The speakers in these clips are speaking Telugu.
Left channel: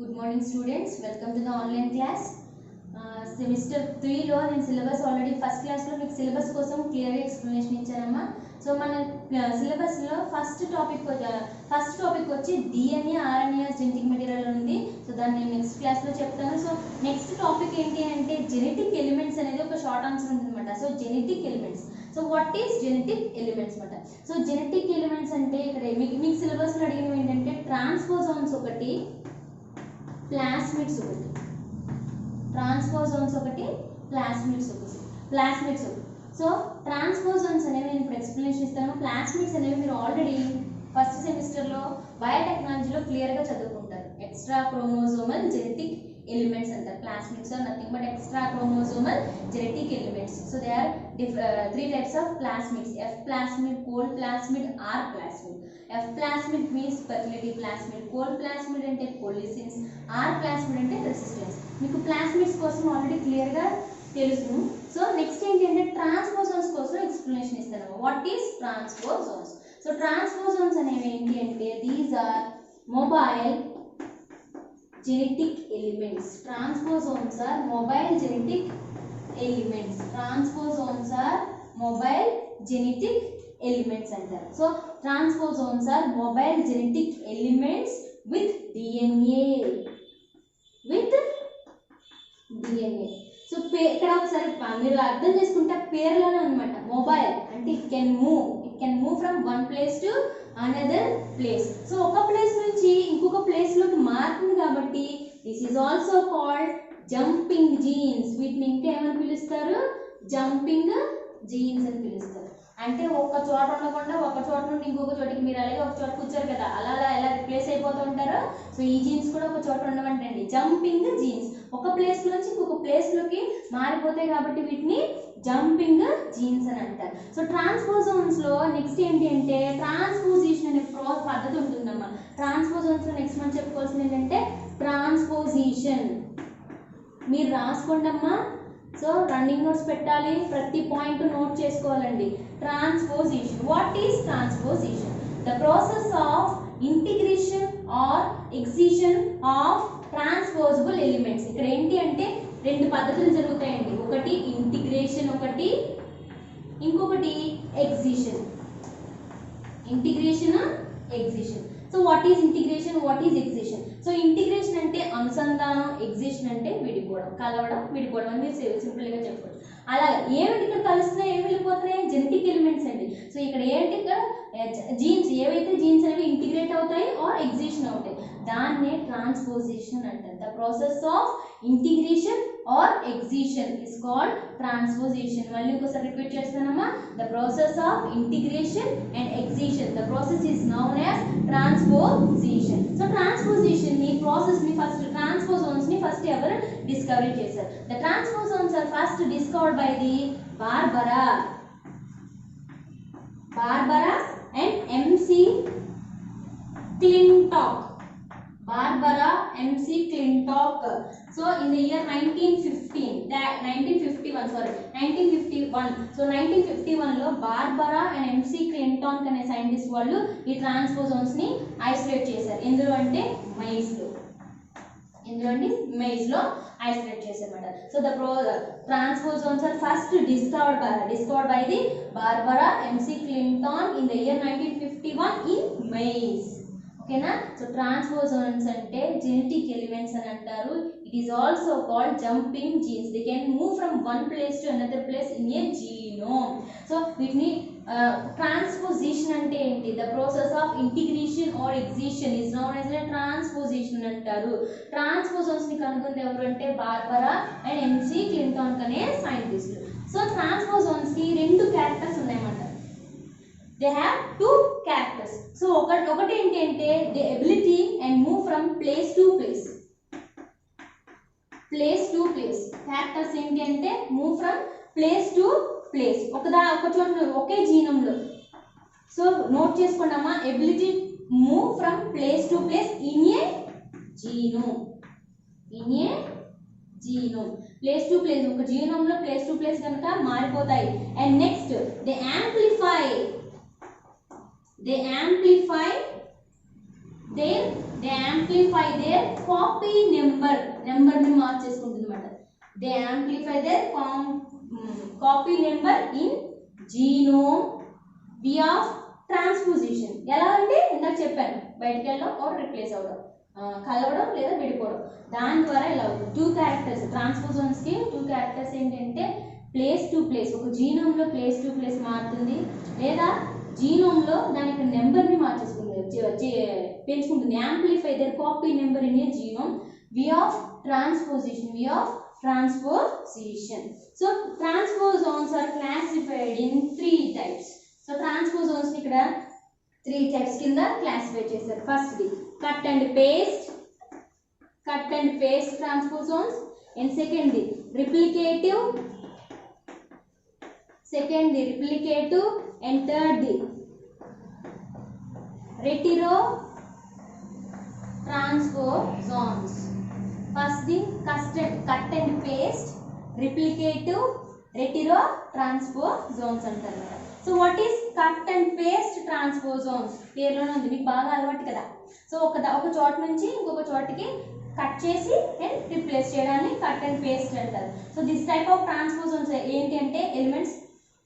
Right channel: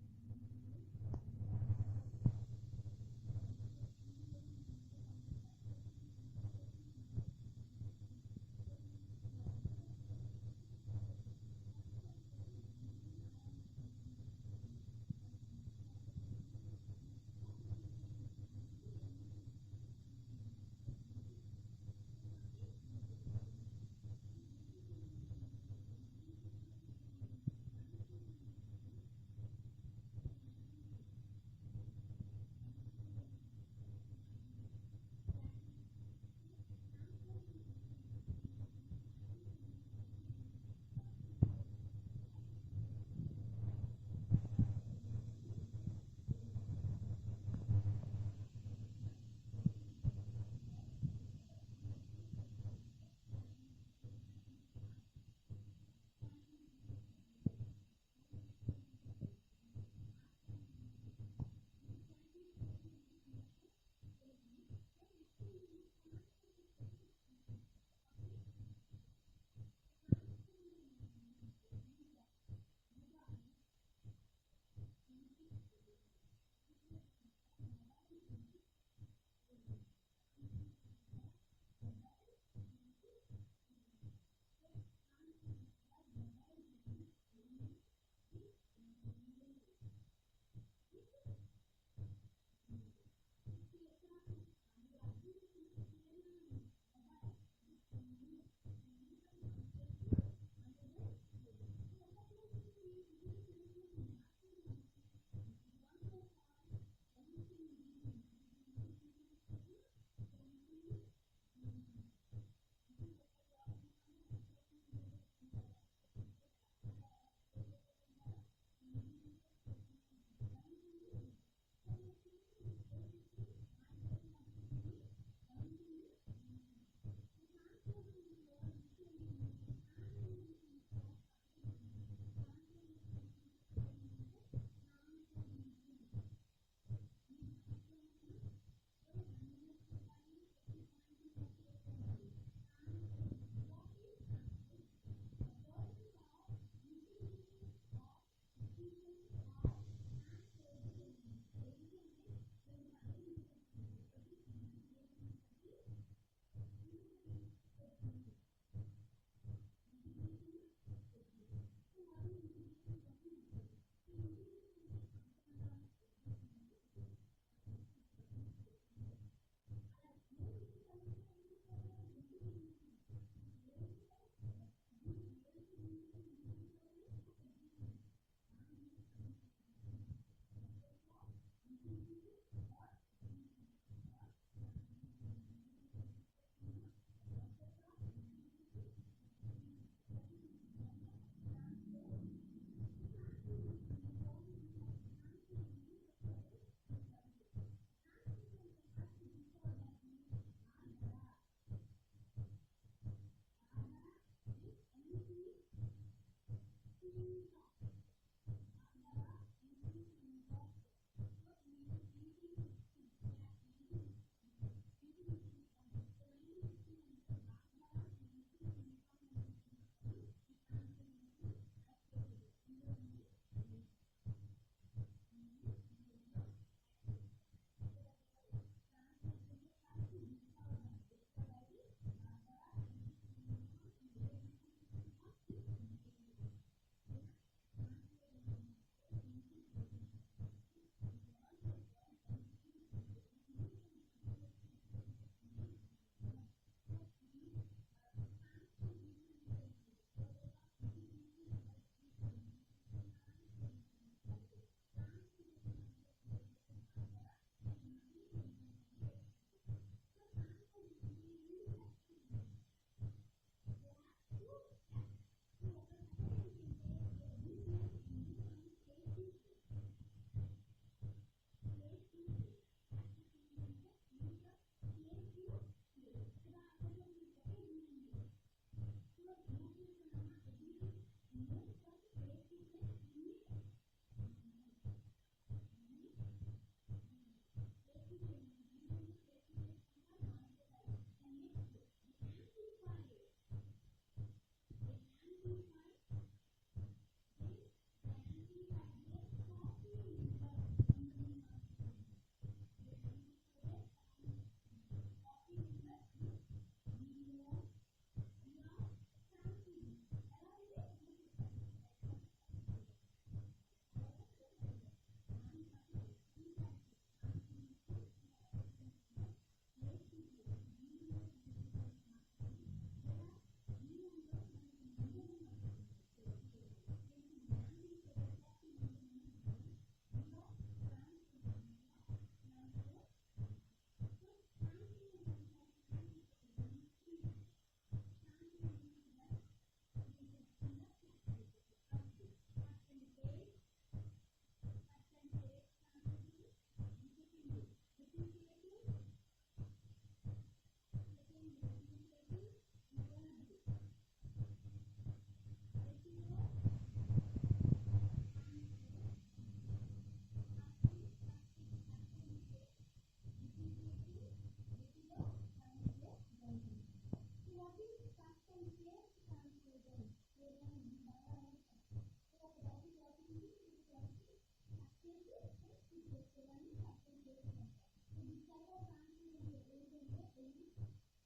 Good morning students, welcome to the online class. Semester 3 లో నేను సిలబస్ ఆల్రెడీ ఫస్ట్ క్లాస్ లో మీకు సిలబస్ కోసం క్లియర్ గా ఎక్స్ప్లెనేషన్ ఇచ్చానమ్మా. సో మన సిలబస్ లో ఫస్ట్ టాపిక్ వచ్చి DNA RNA జెనెటిక్ మెటీరియల్ ఉంది. సో దాన్ని నేను నెక్స్ట్ క్లాస్ లో చెప్తాను. సో నెక్స్ట్ టాపిక్ ఏంటి అంటే జెనెటిక్ ఎలిమెంట్స్ అనేది ఒక షార్ట్ ఆన్సర్ ఉంటుందన్నమాట. So genetic elements, so what is genetic elements అన్నమాట. సో జెనెటిక్ ఎలిమెంట్స్ అంటే ఇక్కడ మీకు సిలబస్ లో అడిగినవి ఏంటంటే ట్రాన్స్పోజోన్స్ ఒకటి, ప్లాస్మిడ్స్ ఒకటి, ట్రాన్స్పోజోన్స్ ఒకటి, ప్లాస్మిడ్స్ ఒకటి. సో ట్రాన్స్పోజోన్స్ అనేవి నేను ఇప్పుడు ఎక్స్ప్లెనేషన్ ఇస్తాను. ప్లాస్మిడ్స్ అనేవి మీరు ఆల్రెడీ ఫస్ట్ సెమిస్టర్లో బయోటెక్నాలజీలో క్లియర్గా చదువుకుంటారు. ఎక్స్ట్రా క్రోమోజోమల్ జెనెటిక్ ఎలిమెంట్స్ అంటారు. Plasmids are nothing but extra chromosomal genetic elements. So they are 3 types of plasmids: F plasmid, cold plasmid, R plasmid. F plasmid means fertility plasmid, cold plasmid అంటే polycins, R plasmid అంటే resistance. మీకు ప్లాస్మిడ్స్ కోసం ఆల్రెడీ క్లియర్ గా తెలుసు. సో నెక్స్ట్ ఏంటంటే ట్రాన్స్పోజోన్స్ కోసం ఎక్స్ప్లెనేషన్ ఇస్తాను. What is transposons? So transposons అనేవి ఏంటి అంటే these are mobile genetic elements. Transposons are mobile genetic elements. Transposons are mobile genetic elements అంటారు. So transposons are mobile genetic elements with DNA. So ఇక్కడ ఒకసారి మీరు అర్థం చేసుకుంటే పేర్లోనే అనమాట. మొబైల్ అంటే it can move from one place to another place. So ఒక ప్లేస్ నుంచి ఇంకొక ప్లేస్ లోకి మారుతుంది కాబట్టి this is also called jumping jeans. వీటిని ఇంకా ఏమని పిలుస్తారు? జంపింగ్ జీన్స్ అని పిలుస్తారు. అంటే ఒక చోట ఉండకుండా ఒక చోట నుండి ఇంకొక చోటికి మీరు అలాగే ఒక చోట కూర్చోరు కదా, అలా ఎలా రిప్లేస్ అయిపోతూ ఉంటారో సో ఈ జీన్స్ కూడా ఒక చోట ఉండవంటండి. జంపింగ్ జీన్స్ ఒక ప్లేస్ నుంచి ఇంకొక ప్లేస్ లోకి మారిపోతాయి కాబట్టి వీటిని జంపింగ్ జీన్స్ అని అంటారు. సో ట్రాన్స్పోజోన్స్ లో నెక్స్ట్ ఏంటి అంటే ట్రాన్స్పోజిషన్ అనే పద్ధతి ఉంటుందమ్మా. ట్రాన్స్పోజోన్స్ లో నెక్స్ట్ మనం చెప్పుకోవాల్సింది ఏంటంటే ట్రాన్స్పోజిషన్. మీరు రాసుకోండి అమ్మా. సో రన్నింగ్ నోట్స్ పెట్టాలి, ప్రతి పాయింట్ నోట్ చేసుకోవాలండి. Transposition. What is transposition? The process of integration or excision of transposable elements. ఇక్కడ ఏంటి అంటే రెండు పద్ధతులు జరుగుతాయండి. ఒకటి ఇంటిగ్రేషన్, ఒకటి ఇంకొకటి excision. Integration, excision. So what is integration, what is excision? So integration అంటే అనుసంధానం, ఎక్సిషన్ అంటే విడిపోవడం, కలవడం, విడిపోవడం అని మీరు సింపుల్గా చెప్పవచ్చు. అలాగే ఏమిటి ఇక్కడ కలుస్తున్నాయి, ఏమి వెళ్ళిపోతున్నాయి? జెనెటిక్ ఎలిమెంట్స్ అండి. సో ఇక్కడ ఏంటి, ఇక్కడ జీన్స్ ఏవైతే జీన్స్ అనేవి ఇంటిగ్రేట్ అవుతాయి ఆర్ ఎక్సిషన్ అవుతాయి దాన్నే ట్రాన్స్పోజిషన్ అంటారు. The process of integration or excision is called transposition. మళ్ళీ ఇంకోసారి రిపీట్ చేస్తానమ్మా. The process of integration and excision, the process is known as transposition. So transposition ని ప్రాసెస్ ని ఫస్ట్ ట్రాన్స్పోజోన్స్ ని ఫస్ట్ ఎవరు డిస్కవరీ చేశారు? The transposons are first discovered by the Barbara and MC Clintock. Barbara MC Clintock. So in the year 1951. So 1951 లో బార్బరా అండ్ MC Clintock అనే సైంటిస్ట్ వాళ్ళు ఈ ట్రాన్స్పోజోన్స్ ని ఐసోలేట్ చేశారు. ఎందులో అంటే మైజ్ లో ఐసోలేట్ చేశారన్నమాట. So the transposons are first discovered by the Barbara MC Clintock in the year 1951 in maize. ఓకేనా? సో ట్రాన్స్పోజోన్స్ అంటే జెనెటిక్ ఎలిమెంట్స్ అని అంటారు. It is also called jumping genes. They can move from one place to another place in a genome. So వీటిని ట్రాన్స్పోజిషన్ అంటే ఏంటి? The process of integration or excision is known as a transposition అంటారు. ట్రాన్స్పోజోన్స్ ని కనుగొంది ఎవరు అంటే బార్బరా అండ్ MC Clintock అనే సైంటిస్టులు. సో ట్రాన్స్పోజోన్స్ కి రెండు క్యారెక్టర్స్ ఉన్నాయన్నమాట. They have two characters. So ఒకటి ఏంటి అంటే the ability and move from place to place. Characters ఏంటి అంటే move from place to place. ఒక చోట ఒకే జీనోమ్లో. సో నోట్ చేసుకోండమ్మా. Ability move from place to place in a genome. Place to place ఒక జీనోమ్లో ప్లేస్ టు ప్లేస్ కనుక మారిపోతాయి. And next they amplify their copy నెంబర్ని మార్చేసుకుంటుంది అనమాట. They amplify their copy number in genome via transposition. ఎలా అంటే ఇందాక చెప్పాను, బయటకు వెళ్ళడం ఆర్ రిప్లేస్ అవ్వడం, కలవడం లేదా విడిపోవడం, దాని ద్వారా ఇలా అవుతుంది. 2 క్యారెక్టర్స్ ట్రాన్స్పోజన్స్కి 2 క్యారెక్టర్స్ ఏంటంటే ప్లేస్ టు ప్లేస్, ఒక జీనోమ్లో ప్లేస్ టు ప్లేస్ మారుతుంది, లేదా జీనోమ్లో దాని యొక్క నెంబర్ని మార్చేసుకుంటుంది, పెంచుకుంటుంది. Amplify their copy number in a genome via transposition. So transposons are classified in 3 types. So transposons ఇక్కడ 3 types కింద క్లాసిఫై చేశారు. ఫస్ట్ది cut and paste transposons, and సెకండ్ది రిప్లికేటివ్, అండ్ థర్డ్ది రెటిరో ట్రాన్స్పోజోన్స్. ఫస్ట్ది cut and paste, replicative, retro transposons అంటారు. So what is cut and paste transposons? పేరులోనే ఉంది, మీకు బాగా అలవాటు కదా. సో ఒక చోట నుంచి ఇంకొక చోటికి కట్ చేసి అండ్ రిప్లేస్ చేయడాన్ని కట్ అండ్ పేస్ట్ అంటారు. సో దిస్ టైప్ ఆఫ్ ట్రాన్స్పోజోన్స్ ఏంటి అంటే ఎలిమెంట్స్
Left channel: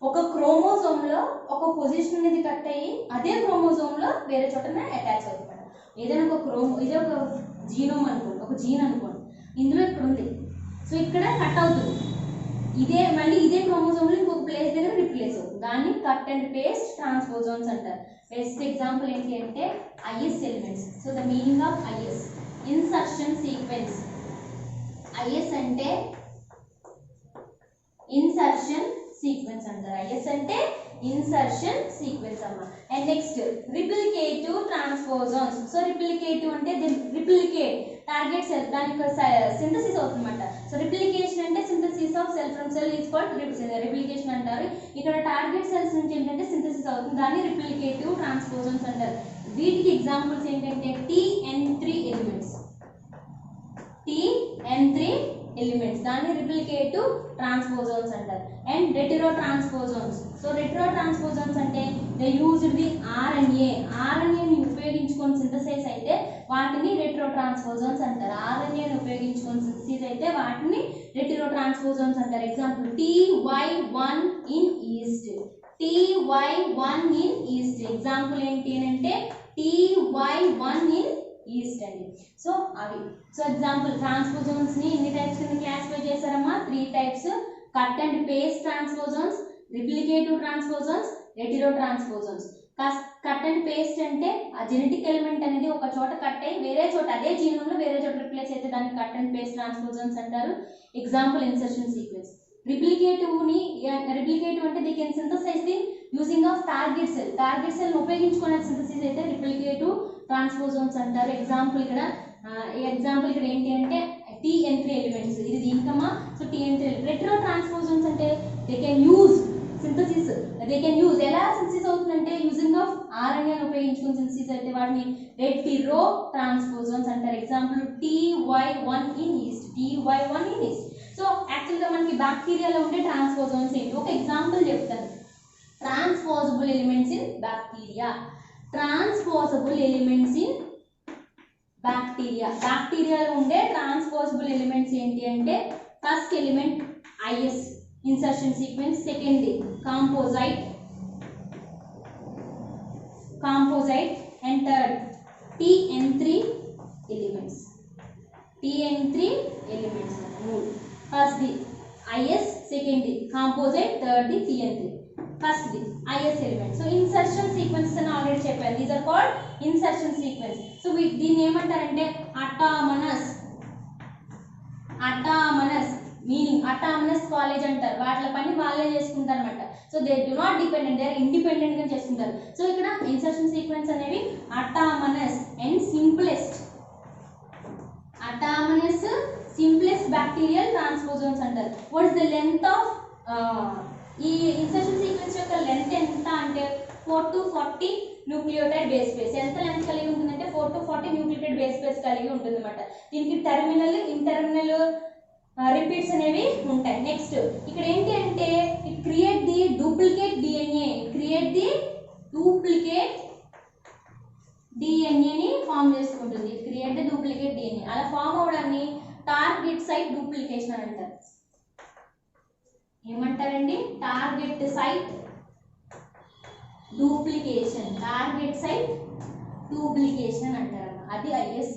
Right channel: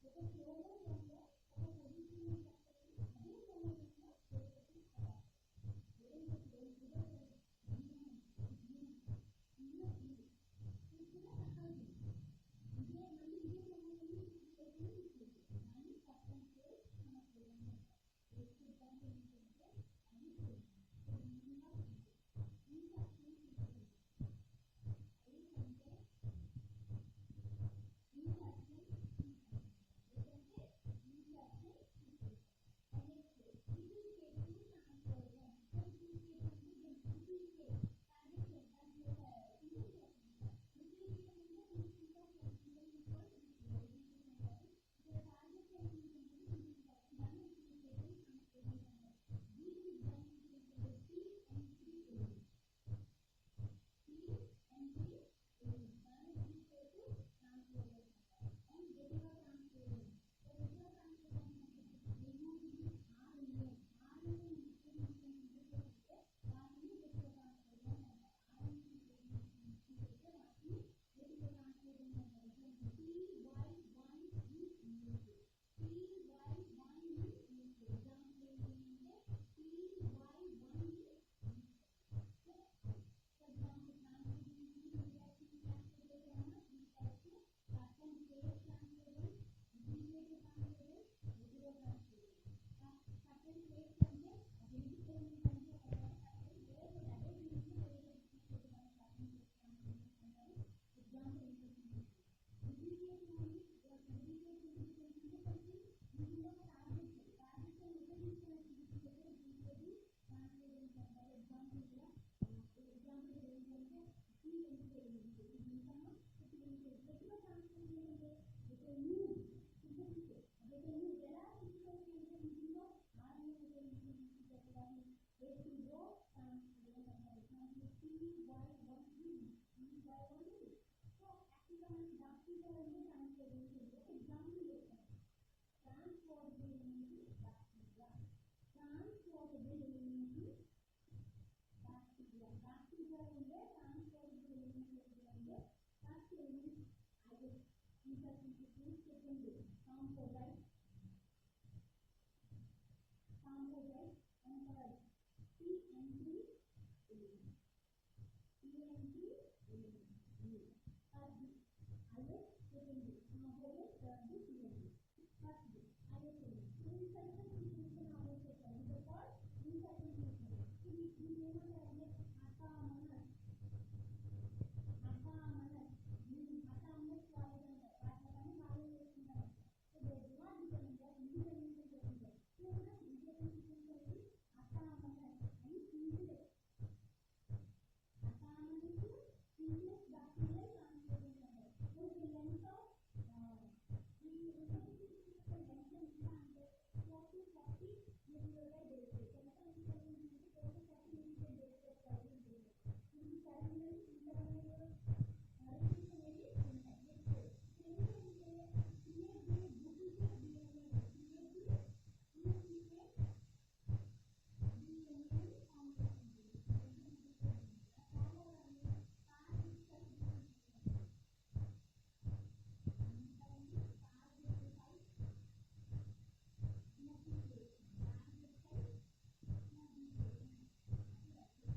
ఒక క్రోమోజోమ్లో ఒక పొజిషన్ అనేది కట్ అయ్యి అదే క్రోమోజోమ్లో వేరే చోటనే అటాచ్ అవుతుంది. ఏదైనా ఇదే ఒక జీనోమ్ అనుకోండి, ఒక జీన్ అనుకోండి, ఇందులో ఇక్కడ ఉంది, సో ఇక్కడ కట్ అవుతుంది, మళ్ళీ ఇదే క్రోమోజోమ్లో ఇంకొక ప్లేస్ దగ్గర రిప్లేస్ అవుతుంది, దాన్ని కట్ అండ్ పేస్ట్ ట్రాన్స్పోజోన్స్ అంటారు. బెస్ట్ ఎగ్జాంపుల్ ఏంటి అంటే IS elements. So the meaning of IS, insertion sequence. IS అంటే ఇన్సర్షన్ సీక్వెన్స్ అంటారు. ఐఎస్ అంటే ఇన్సర్షన్ సీక్వెన్స్ అమ్మ. And next replicative transposons. So replicative అంటే రిప్లికేట్ టార్గెట్ సెల్, దాని యొక్క సింథసిస్ అవుతుందన్నమాట. సో రిప్లికేషన్ అంటే synthesis of cell from cell is called replication అంటారు. ఇక్కడ టార్గెట్ సెల్స్ నుంచి ఏంటంటే సింథసిస్ అవుతుంది, దాన్ని రిప్లికేటివ్ ట్రాన్స్పోజోన్స్ అంటారు. వీటికి ఎగ్జాంపుల్స్ ఏంటంటే TN3 ఎలిమెంట్స్, దాన్ని రిప్లికేటివ్ ట్రాన్స్పోజోన్స్ అంటారు. అండ్ రెటిరో ట్రాన్స్పోజోన్స్. సో రెటిరో ట్రాన్స్పోజోన్స్ అంటే దే యూజ్డ్ ది ఆర్ఎన్ఏని ఉపయోగించుకొని సింథసైజ్ అయితే వాటిని రెటిరో ట్రాన్స్పోజోన్స్ అంటారు. ఆర్ఎన్ఏని ఉపయోగించుకొని సింథసైజ్ అయితే వాటిని రెటిరో ట్రాన్స్పోజోన్స్ అంటారు. Example TY1 in east. Example ఏంటి అంటే TY1 ఇన్ ఈస్ట్ అండి. సో అవి ఎగ్జాంపుల్ ట్రాన్స్పోజోన్స్ ని ఎన్ని టైప్స్ కింద క్లాసిఫై చేశారమ్మా? 3 types. Cut and paste transposons, replicative transposons, retro transposons. Cut and paste అంటే ఆ జెనెటిక్ ఎలిమెంట్ అనేది ఒక చోట కట్ అయ్యి వేరే చోట అదే జీనోమ్లో వేరే చోట రిప్లేస్ అయితే దాన్ని కట్ అండ్ పేస్ట్ ట్రాన్స్పోజోన్స్ అంటారు. Example insertion sequence. రిప్లికేటివ్ అంటే they can synthesize the using of target cell ఉపయోగించుకునే సింథసిస్ అయితే రిప్లికేటివ్ ట్రాన్స్పోజోన్స్ అంటారు. ఎగ్జాంపుల్ ఇక్కడ ఏంటి అంటే TN3 ఎలిమెంట్స్, ఇది దీనికమ్మా. సో TN3 రెటిరో ట్రాన్స్పోజోన్స్ అంటే దే కెన్ యూజ్ ఎలా సింథసిస్ అవుతుందంటే యూజింగ్ ఆఫ్ RNA ఉపయోగించుకుని సింథసిస్ అయితే వాటిని రెటిరో ట్రాన్స్పోజోన్స్ అంటారు. Example TY1 in east. So యాక్చువల్గా మనకి బ్యాక్టీరియాలో ఉండే ట్రాన్స్పోజోన్స్ ఏంటి ఒక ఎగ్జాంపుల్ చెప్తాను. Transposable elements in bacteria. బ్యాక్టీరియాలో ఉండే ట్రాన్స్పోజబుల్ ఎలిమెంట్స్ ఏంటి అంటే first element IS insertion sequence, second composite and third TN3 elements. First the IS, second the composite, third the TN3. First the IS element. So insertion sequences అని ఆల్రెడీ చెప్పాను. These are called insertion sequence. So దీన్ని ఏమంటారంటే అటామనస్ మీనింగ్ అటామనస్ కాలేజ్ అంటారు. వాటి పని వాళ్ళే చేసుకుంటారు అనమాట. So they do not dependent, they are independent గా చేసుకుంటారు. సో ఇక్కడ ఇన్సర్షన్ సీక్వెన్స్ అనేవి autonomous and simplest bacterial transposons అంటారు. What is the length of ఈ ఇన్సర్షన్ సీక్వెన్స్ యొక్క లెంత్ ఎంత అంటే 4 to 40 న్యూక్లియోటైడ్ బేస్ పేస్. ఎంత లెంత్ కలిగి ఉంటుందంటే 4 to 40 న్యూక్లియోటైడ్ బేస్ పేస్ కలిగి ఉంటుంది అనమాట. దీనికి టెర్మినల్ ఇంటర్మినల్ రిపీట్స్ అనేవి ఉంటాయి. నెక్స్ట్ ఇక్కడ ఏంటి అంటే it create the duplicate DNA. డిఎన్ఏని ఫామ్ చేసుకుంటుంది. Create duplicate DNA. అలా ఫామ్ అవడాన్ని టార్గెట్ సైట్ డూప్లికేషన్ అని అంటారు. ఏమంటారండి? Target site duplication. Target site duplication అంటారు. అది IS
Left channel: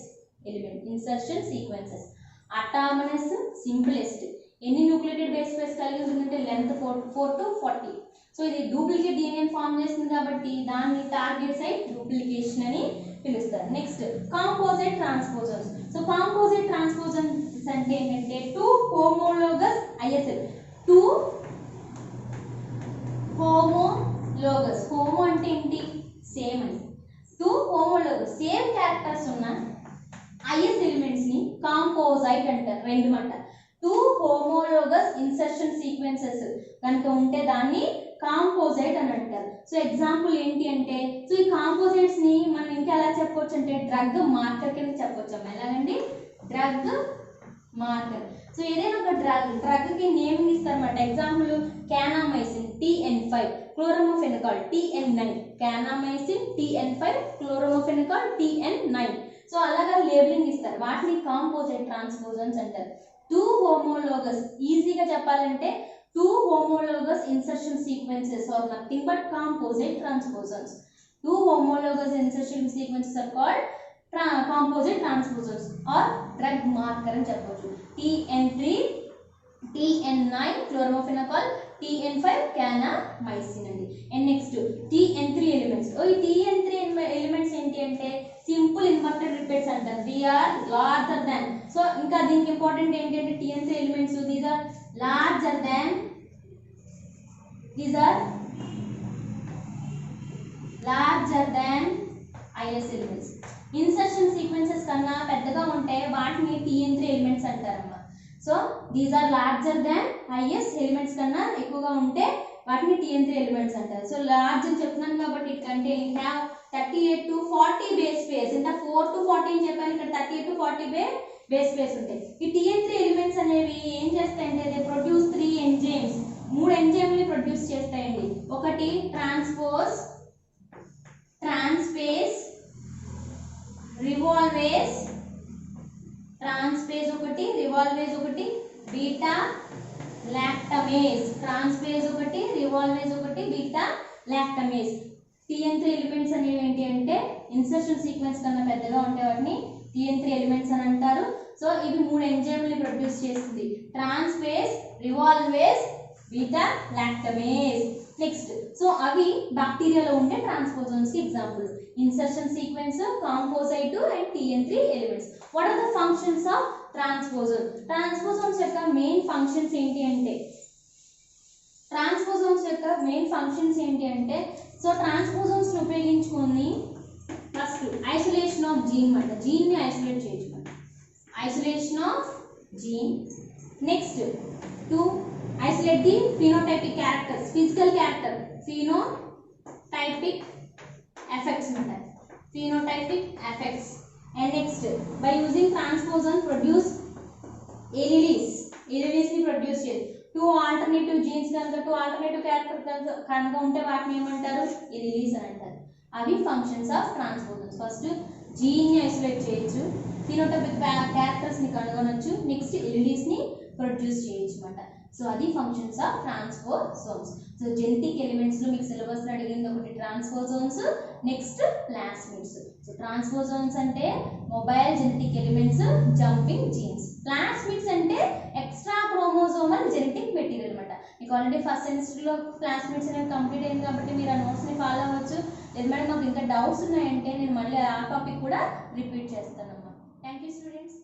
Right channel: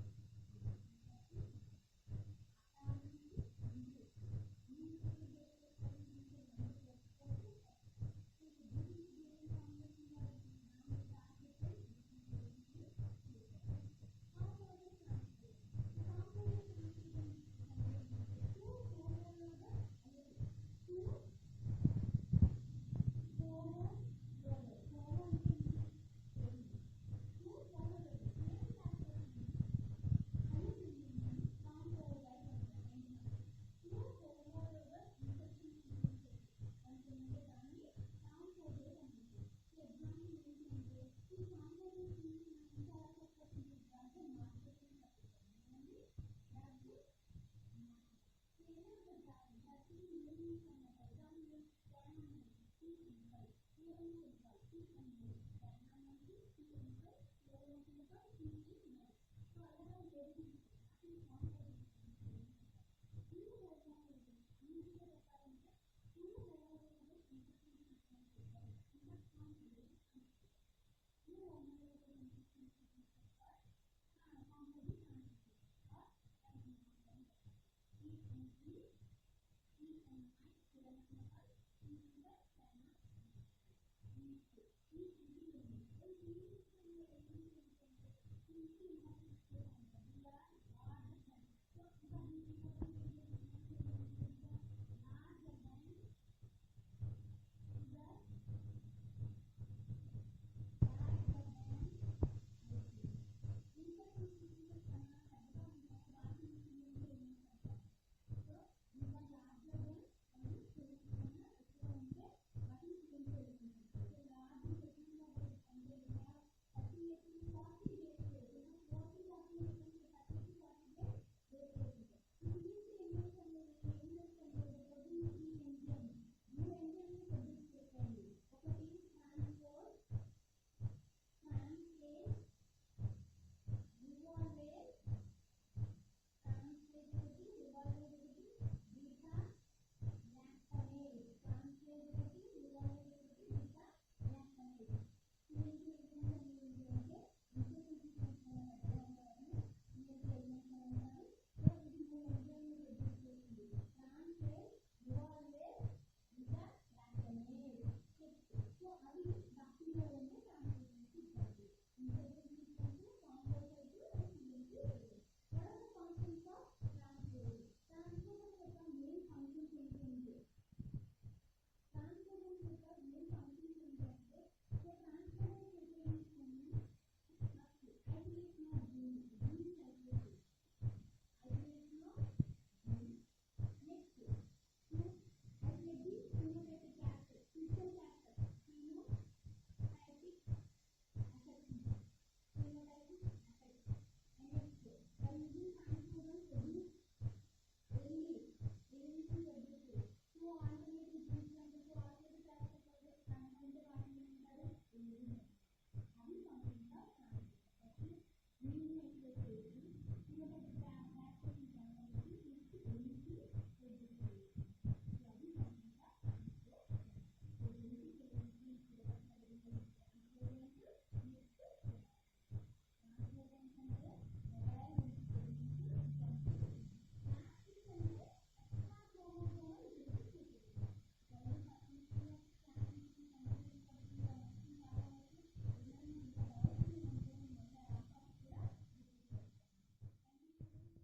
element insertion sequences. Autonomous simplest. ఎన్ని న్యూక్లియేటెడ్ బేస్ పేర్స్ కలిగి ఉంటుందంటే లెంత్ 4 to 40. సో ఇది డూప్లికేట్ డిఎన్ఏ ఫామ్ చేస్తుంది కాబట్టి దాన్ని టార్గెట్ సైట్ డూప్లికేషన్ అని పిలుస్తారు. Next composite transposons. So composite transposons అంటే ఏంటంటే two homologous ISL. Two homologous. Homo అంటే ఏంటి? సేమ్ అని. టూ హోమోలోగస్ సేమ్ క్యారెక్టర్స్ ఉన్న ఐఎస్ ఎలిమెంట్స్ ని కాంపోజైట్ అంటారు. రెండు మాట. టూ హోమోలోగస్ ఇన్సర్షన్ సీక్వెన్సెస్ కనుక ఉంటే దాన్ని కాంపోజైట్ అని అంటారు. సో ఎగ్జాంపుల్ ఏంటి అంటే, సో ఈ కాంపోజైట్స్ ని మనం ఇంకా ఎలా చెప్పొచ్చు అంటే డ్రగ్ మార్కర్ కింద చెప్పొచ్చు. ఎలాగండి? Drug marker. సో ఏదైనా ఒక డ్రగ్ కి నేమింగ్ ఇస్తారన్నమాట. Example kanamycin TN5, chloramphenicol TN9, kanamycin TN5, chloramphenicol TN9. So అలాగా లేబులింగ్ ఇస్తారు. వాటిని కాంపోజైట్ ట్రాన్స్పోజన్స్ అంటారు. టూ హోమోలోగస్, ఈజీగా చెప్పాలంటే two homologous insertion sequences are nothing but composite transposons. Two homologous insertion sequences are called composite transposons or drug marker అని చెప్పొచ్చు. TN3, TN9 chloramphenicol, TN5 kanamycin అండి. And next TN3 elements. ఈ TN3 ఎలిమెంట్స్ ఏంటి అంటే సింపుల్ ఇన్వర్టెడ్ రిపీట్స్ అంటారు. They are larger than. So ఇంకా దీనికి ఇంపార్టెంట్ ఏంటంటే TN3 elements these are larger than IS elements. Insertion sequences కన్నా పెద్దగా ఉంటే వాటిని TN3 ఎలిమెంట్స్ అంటారమ్మా. So these are larger than IS elements కన్నా ఎక్కువగా ఉంటే వాటిని TN3 ఎలిమెంట్స్ అంటారు. సో లార్జ్ అని చెప్తున్నాను కాబట్టి it contain have 38 to 40 base pairs. ఇంకా 4 to 40 అని చెప్పాను, ఇక్కడ 38 to 40 బేస్ పేర్స్ ఉంటాయి. ఈ TN3 ఎలిమెంట్స్ అనేవి ఏం చేస్తాయంటే దే ప్రొడ్యూస్ 3 ఎంజైమ్స్. 3 ఎంజైమ్ని ప్రొడ్యూస్ చేస్తాయండి. ఒకటి ట్రాన్స్ఫేస్, రివాల్వేస్, ఒకటి రివాల్వేస్, ఒకటి బీటా లాక్టమేస్. ట్రాన్స్ఫేస్ ఒకటి, రివాల్వేస్ ఒకటి, బీటా లాక్టమేస్. TN3 ఎలిమెంట్స్ అనేవి ఏంటి అంటే ఇన్సర్షన్ సీక్వెన్స్ కన్నా పెద్దగా ఉంటే వాటిని TN3 ఎలిమెంట్స్ అని అంటారు. సో ఇవి 3 ఎంజైమ్ని ప్రొడ్యూస్ చేస్తుంది. Transposase, resolvase, beta lactamase. Next so అవి బ్యాక్టీరియాలో ఉండే ట్రాన్స్పోజన్స్ కి example. Insertion sequence, composite and TN3 elements. What are the functions of transposon? Transposons యొక్క మెయిన్ ఫంక్షన్స్ ఏంటి అంటే సో ట్రాన్స్పోజన్స్ ని ఉపయోగించుకొని ఫస్ట్ ఐసోలేషన్ ఆఫ్ జీన్ మాట. జీన్ ని ఐసోలేట్ చేయొచ్చు. Isolation of gene. Next to isolate the phenotypic characters, physical character, phenotypic effects matter, phenotypic effects. And next by using transposon produce alleles ni produce చేయాలి. 2 alternative genes కనుక 2 alternative character కనుక ఉంటే వాటిని ఏమంటారు? alleles అని అంటారు. అవి functions of transposons. First gene ని ఐసోలేట్ చేయొచ్చు, ఫినోటైపిక్ క్యారెక్టర్స్ ని కనుగొనొచ్చు, నెక్స్ట్ alleles ని ప్రొడ్యూస్ చేయొచ్చు అన్నమాట. సో అది functions of transposons. So genetic elements లో మీకు సిలబస్ లో అడిగింది ఒకటి transposons, next plasmids. So transposons అంటే mobile genetic elements, jumping genes. Plasmids అంటే ఎక్స్ట్రా క్రోమోజోమల్ జెనెటిక్ మెటీరియల్ అన్నమాట. మీకు ఆల్రెడీ ఫస్ట్ సెమిస్టర్ లో ప్లాస్మిడ్స్ అనేది కంప్లీట్ అయింది కాబట్టి మీరు ఆ నోట్స్ ని ఫాలో అవ్వచ్చు. లేదు మేడం మాకు ఇంకా డౌట్స్ ఉన్నాయంటే నేను మళ్ళీ ఆ టాపిక్ కూడా రిపీట్ చేస్తానమ్మా. Thank you students.